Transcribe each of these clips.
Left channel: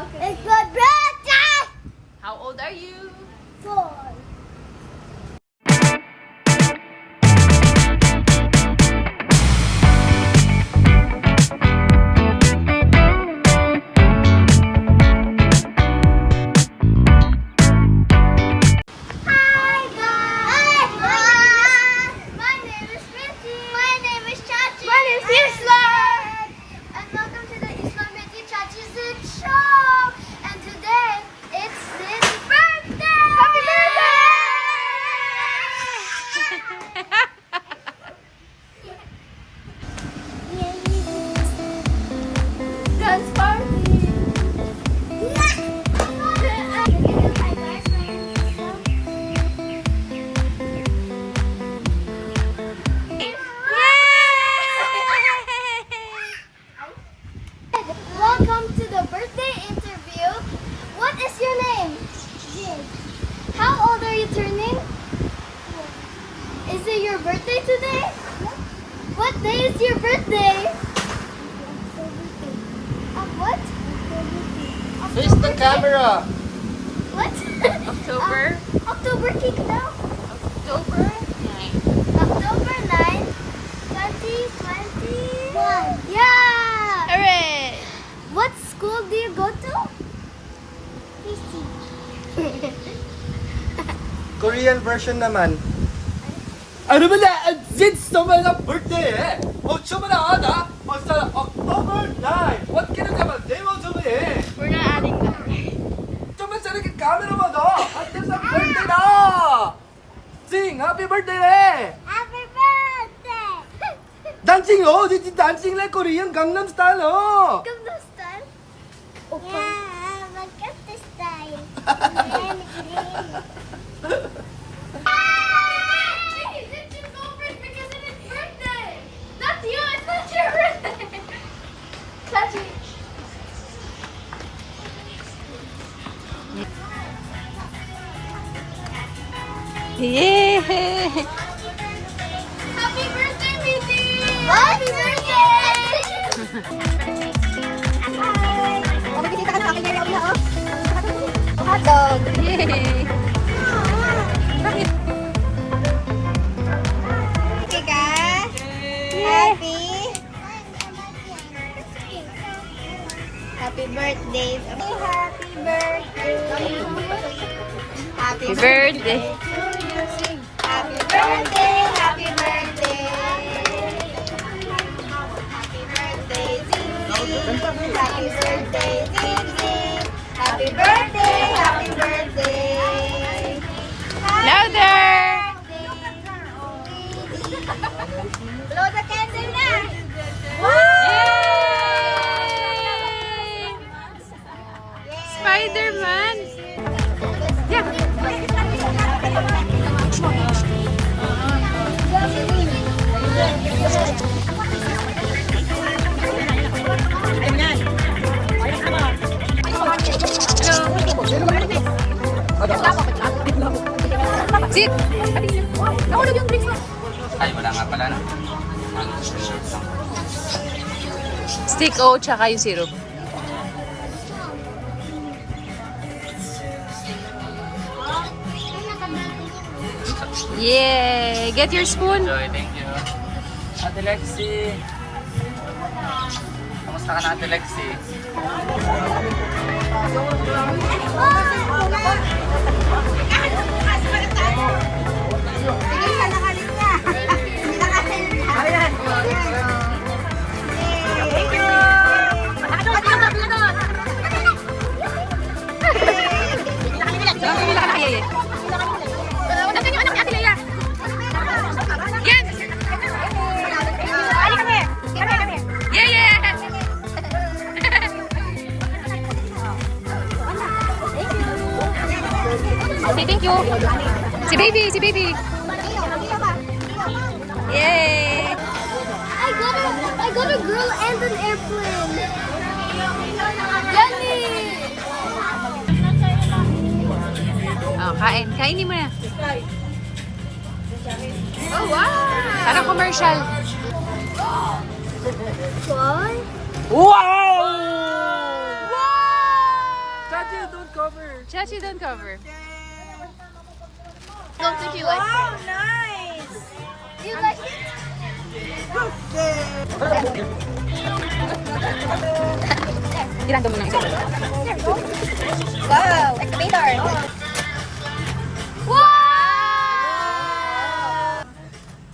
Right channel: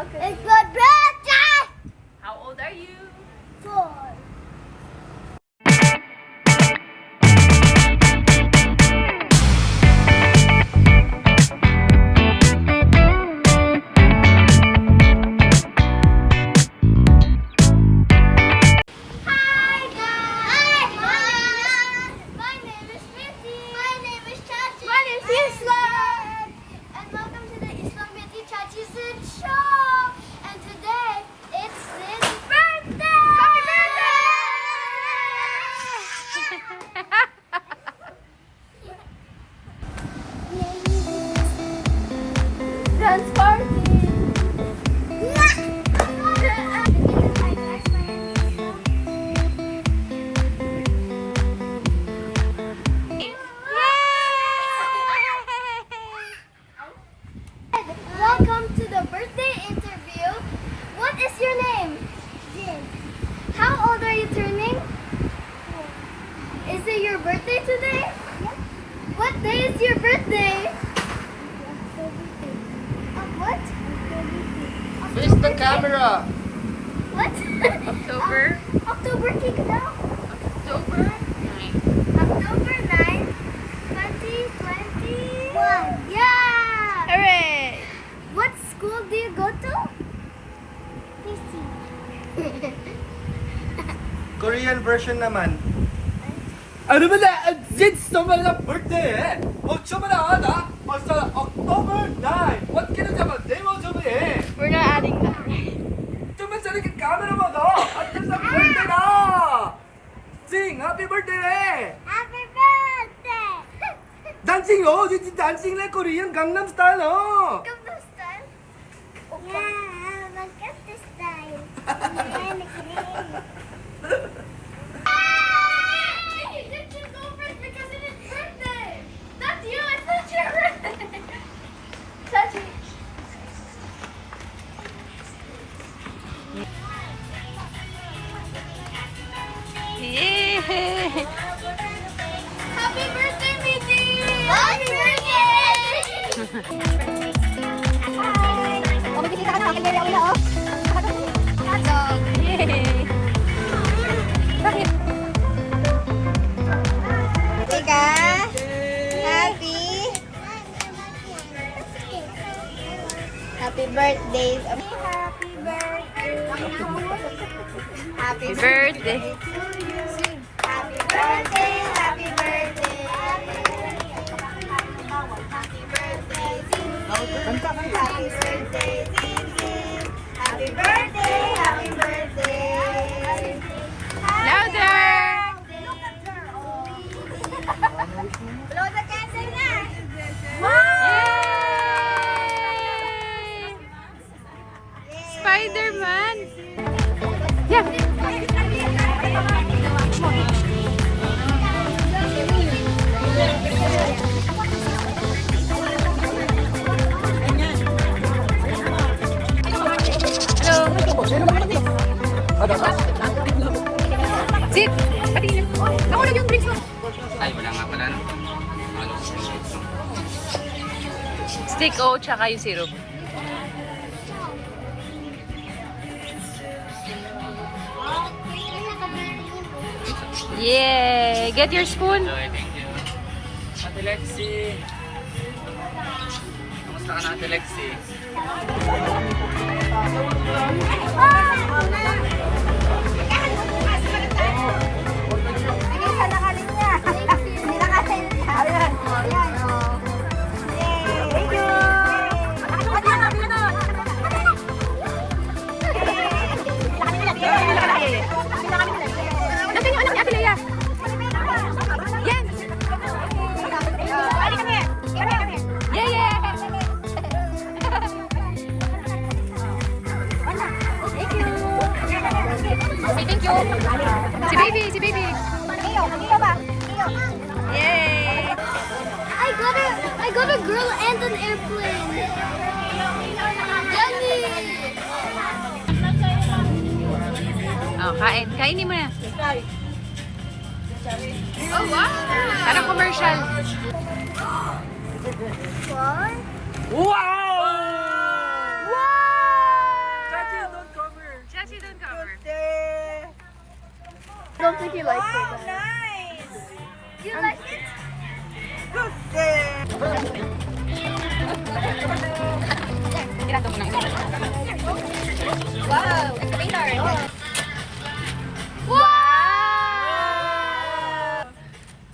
It's my birthday! How old are you? 4. Hi guys! My name is Missy. My name is Chachi. My name is Islam. And welcome to the Islam Missy Chachi Zid Show. And today it's Zid's birthday. Happy birthday! Dance party. Welcome to the birthday interview. What is your name? Jid. How old are you turning? 4. Is it your birthday today? Yes. What day is your birthday? What? Face the camera. What? October? October cake now. October? October 9, 2021. Yeah! Hooray! What school do you go to? PC. Korean version naman. Ano ba na? It's naman ang birthday eh. October na ada. Basta October 9. What can I tell? Day mo sabi eh. We're not adding that, right? Tama sa rin camera mo do. At sa birthday na. Sing, happy birthday eh. Happy birthday! Dancing oh. This is dancing like Korean Gangnam style oh. Come this time. Yeah, look at this time. This is over because it's his birthday. That's you. It's not your birthday. Chachi. Yeah! Happy birthday, baby! Happy birthday! Hotdog! Yay! Bakit? Ika? Happy? Happy birthday! Happy birthday! Happy birthday! Happy birthday! Happy birthday! Happy birthday, Zizi! Happy birthday, Zizi! Happy birthday! Happy birthday! Louder! Blow the candle na! Yay! Spider-Man! Hello! Sit! Pati na. Nakulog yung drinks mo. Ay, wala nga pala, no? Ano, Stick O tsaka yung syrup. Yay! Get your spoon. Thank you. Ate Lexi. Kamusta ka na, Ate Lexi? Pila ka na kaya eh. Dapat yung anak ni Ate Leia. Yan! Ali kami! Kami! Yeah, yeah! Say thank you. Si baby, si baby. Yay! I got a girl and an airplane. Jenny! Oh, kain. Kainin mo na. Parang commercial. One. Wow! Wow! Chachi, don't cover. Don't think you like it. Nice! Do you like it? Ilan mo na isa. Wow! Later. Wow!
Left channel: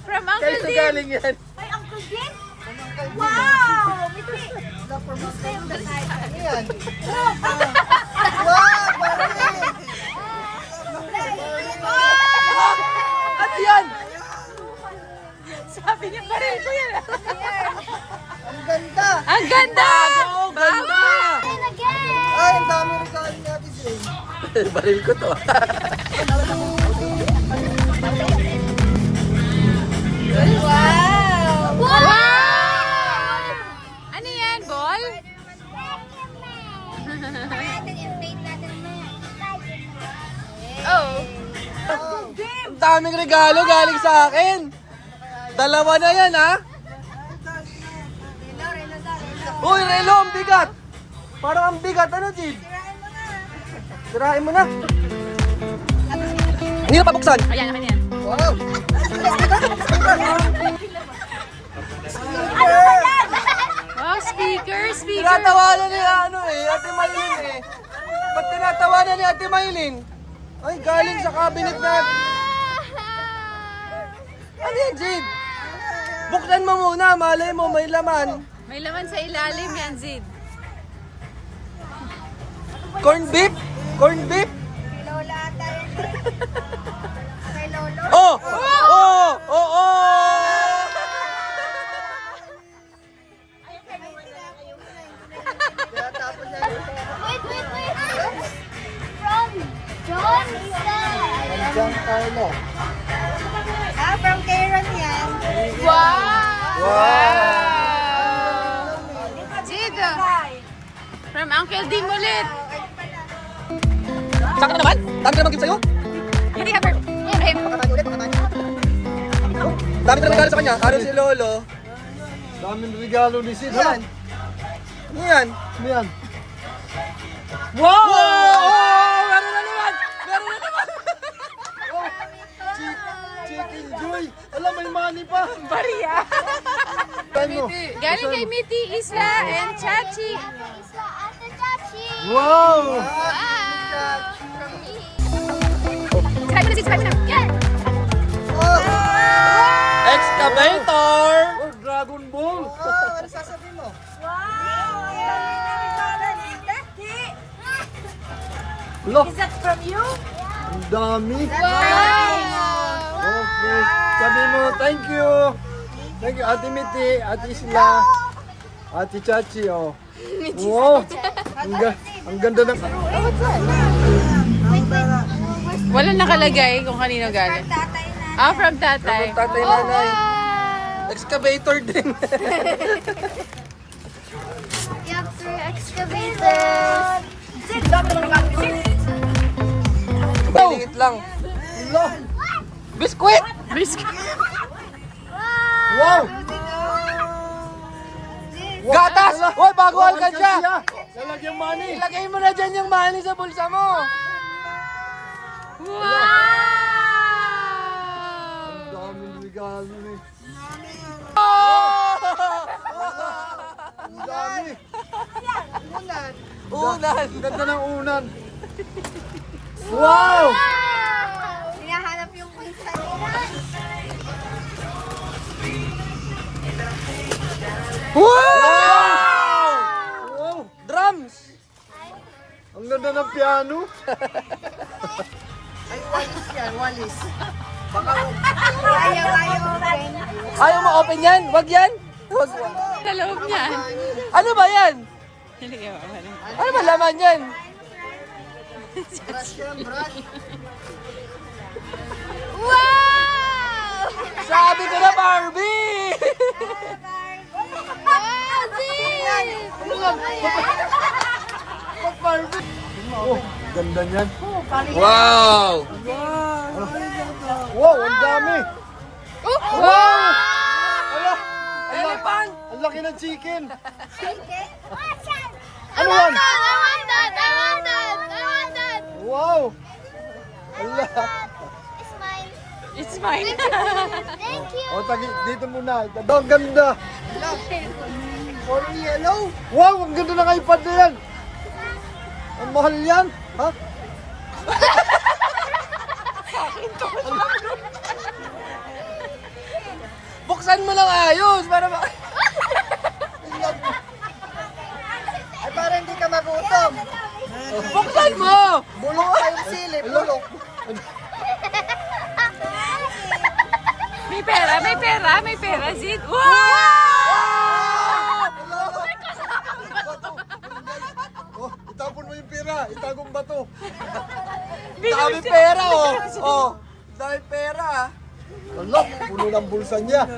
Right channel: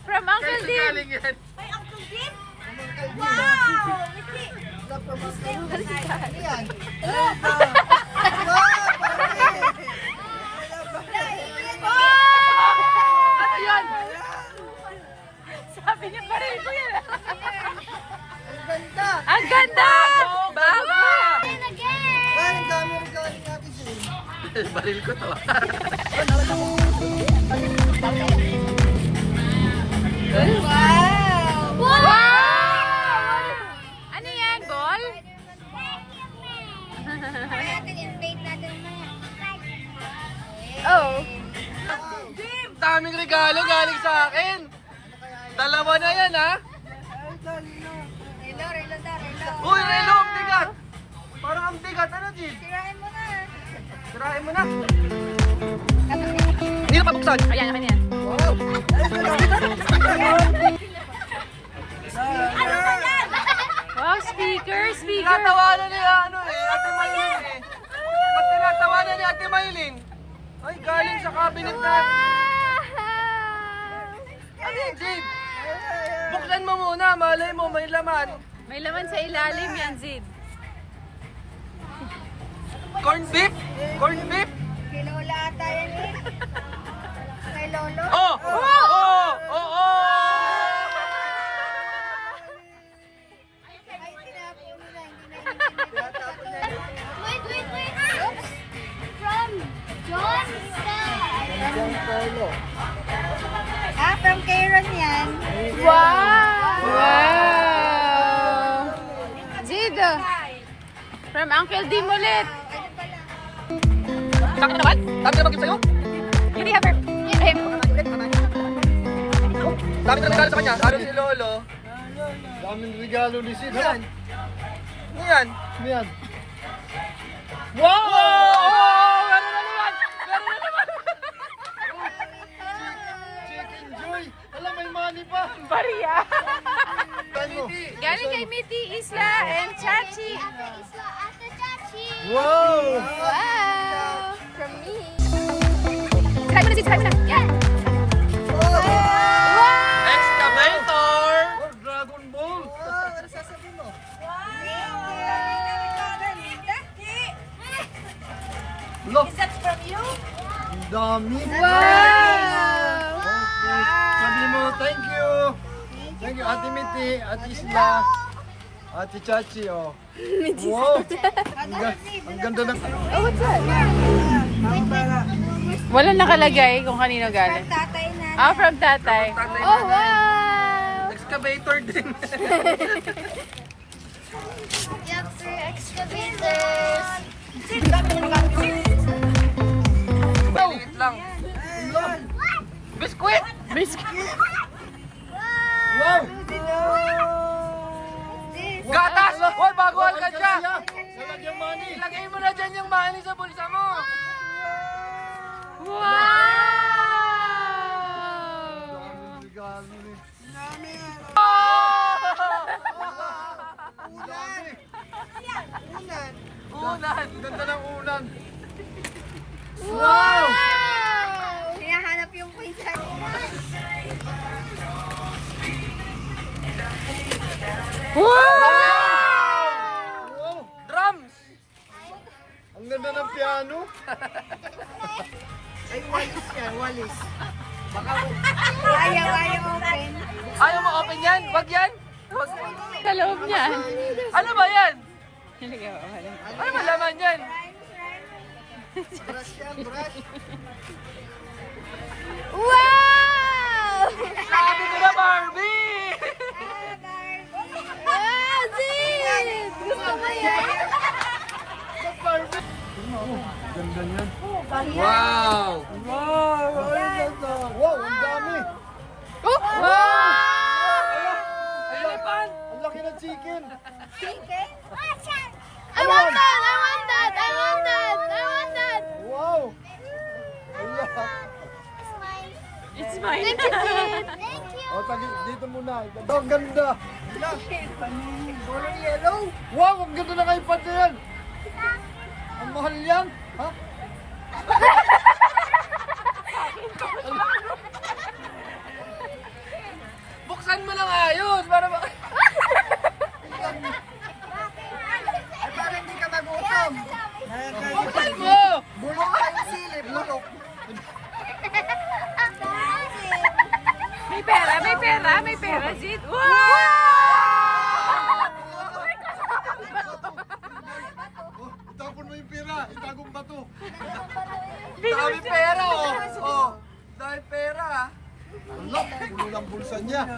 From Uncle Saan Dim. galing yan? Ay, Uncle Jim? Wow! Ano yan? Sabi niya pa rin ko yan. Ang ganda! Bago! And again! Ay, ang dami rin galing natin Jane. Baril ko to. Wow! Wow! Ano yan, ball? Natin, inflate natin mamaya. Oh. Ang daming regalo galing sa akin. Dalawa na yan, ha? Uy, Relo, ang bigat. Parang ang bigat. Ano, Jid? Sirain mo na. Hindi na papuksan. Ayan, akin yan. Wow! Wow, speaker, speaker. Tinatawanan ni Ate Maylin eh. Ba't tinatawanan ni Ate Maylin? Ay, galing sa cabinet na. Ano yan, Jid? Buksan mo muna, malay mo, may laman. May laman sa ilalim yan, Zid. Corn beef? Corn beef? Kay Lola ata yan eh. Kay Lolo? Oh! Oh! Oh! Oh! Wait. From John Star. Giancarlo. Ah, from Kairon yan. Zid. From Uncle Dim ulit. Ayun pala. Sa akin na naman? Dami na mag-gift sa'yo? Hindi ka, Ayun. Dami na regalo sa kanya. Para si Lolo. Daming regalo ni Sid. Ha? Ano yan? Ano yan? Wow! Oh! Meron na naman! Meron na naman! Chicken Joy! Alam, may money pa! Bariya. Ano? Galing kay Miti, Isla, and Chachi. Isla Ate Chachi. Wow! Try mo na, Zid. Try mo na. Yan. Excavator! Oh, Dragon Ball! Ano sasabihin mo? Look! Is that from you? Ang dami! Nice! Okay. Sabi mo, thank you! Thank you, Ate Miti, Ate Isla, Ate Chachi, oh. Wow! Ang ganda ng... Walang nakalagay kung kanino galing. Tatay na. Ah, from tatay. Tatay nanay. Excavator din. Yup, three excavators. Liit lang. Biskuit! Biscuit. Wow! Gatas! Hoy, bago ka siya! Lalagyan money! Ilagay mo na dyan yung money sa bulsa mo. Wow! Daming regalo ni... Oh! Ang dami! Unan! Ang ganda ng unan! Wow! Hinahanap yung poinsan. Wow! Wow! Drums! Ang ganda ng piano! Ayaw open. Ayaw mo open yan? Wag yan? Wag. Sa loob niyan. Ano ba yan? Hindi ka makalam. Ano ba laman yan? Wow! Sabi ko na Barbie! Oh, ganda niyan! Wow! Wow! Ang dami! Wow! Elephant! Ang laki ng chicken! I want that! I want that! I want that! Wow! It's mine. Thank you. O, dito muna. Ang ganda. Yellow. Wow, ang ganda ng iPad na yan. Ang mahal yan. Ha? Buksan mo lang ayos para Ay, para hindi ka magutom. Buksan mo! Bulok tayong sili, bulok. May pera, Zid. Wow! Oh, itapon mo yung pera. Itagong bato. Dami pera oh! Oh! Dami pera! Ala, puno ng bulsa niya.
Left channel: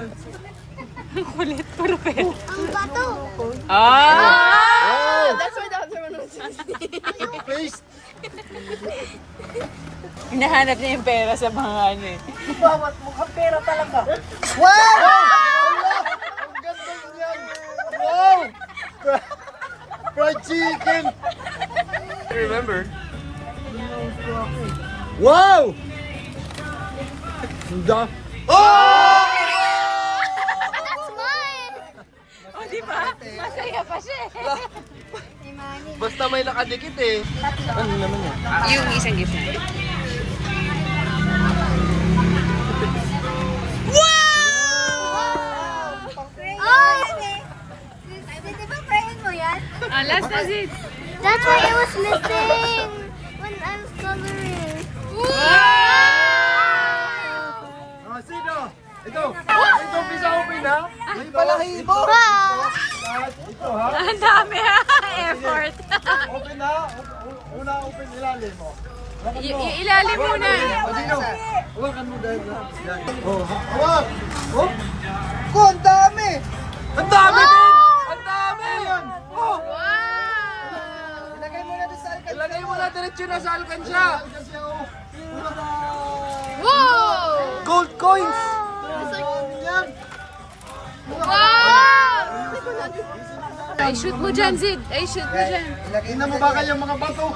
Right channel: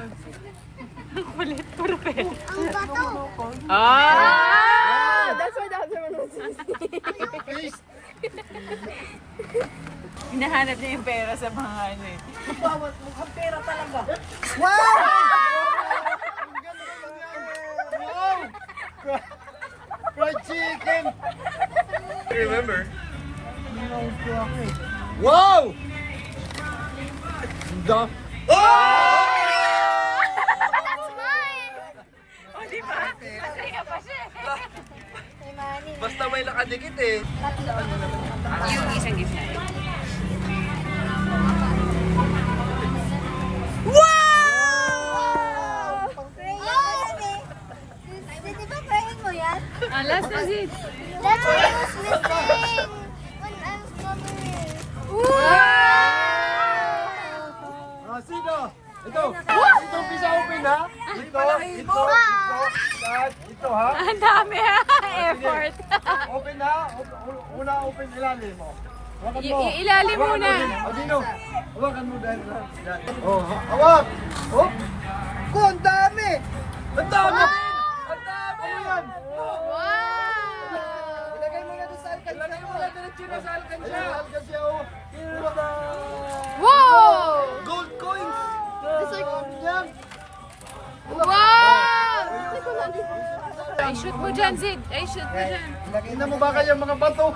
Ang kulit, puro pera. Bato. Ah! Face. Hinahanap niya yung pera sa mga ano eh. Bawat mukhang pera talaga. Wow! Ang ganda yan. Wow! Fried chicken. Remember? Wow! Ang da- That's mine. O, di ba? Masaya pa siya eh. Basta may nakadikit eh. Yung isang gift natin. Di ba praying mo yan? Ah, last na, Zid. That's why it was missing when I was coloring. Ah, sino? Ito. Ito, pisa open ha? Ito, ito, ito ha? Ang dami ha. Effort. Open ha? Una open ilalim mo. Hawakan mo. Ilalim muna. O, sino? Hawakan mo dahil. Oh, hawak. Oh. Ko, ang dami. Ang dami din! Ang dami! Oh! Ilagay mo na doon sa alkansya. Ilagay mo na diretso na sa alkansya. Kasi ako. Tada! Wow! Gold coins! Yan. Ay, shoot mo dyan, Zid. Ay, shoot mo dyan. Tingnan mo ba kayo mga bato?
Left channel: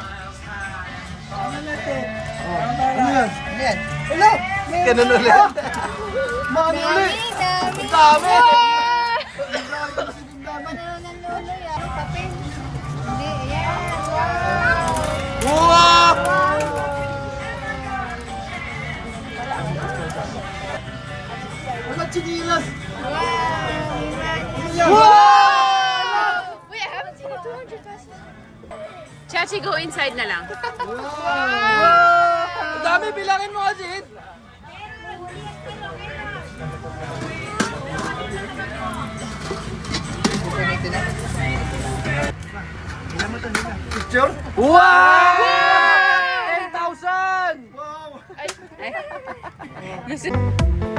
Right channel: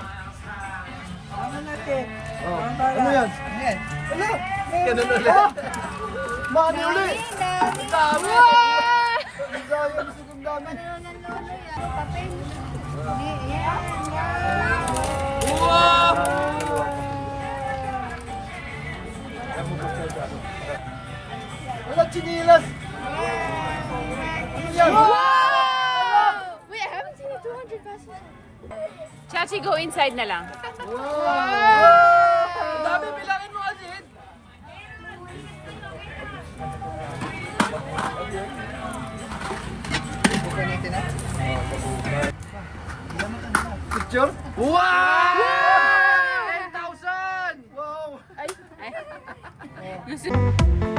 Ano natin? Ano yan? Yan. Wala! Ganun ulit. Maano ulit? Ang dami! Ang dami, ang sigong dami. Wow! Wala chinilas! Wait, I haven't seen a 200 pesos. Chachi, go inside na lang. Ang dami, bilangin mo kasi. Picture? Wow! 10,000! Ay. Gusto-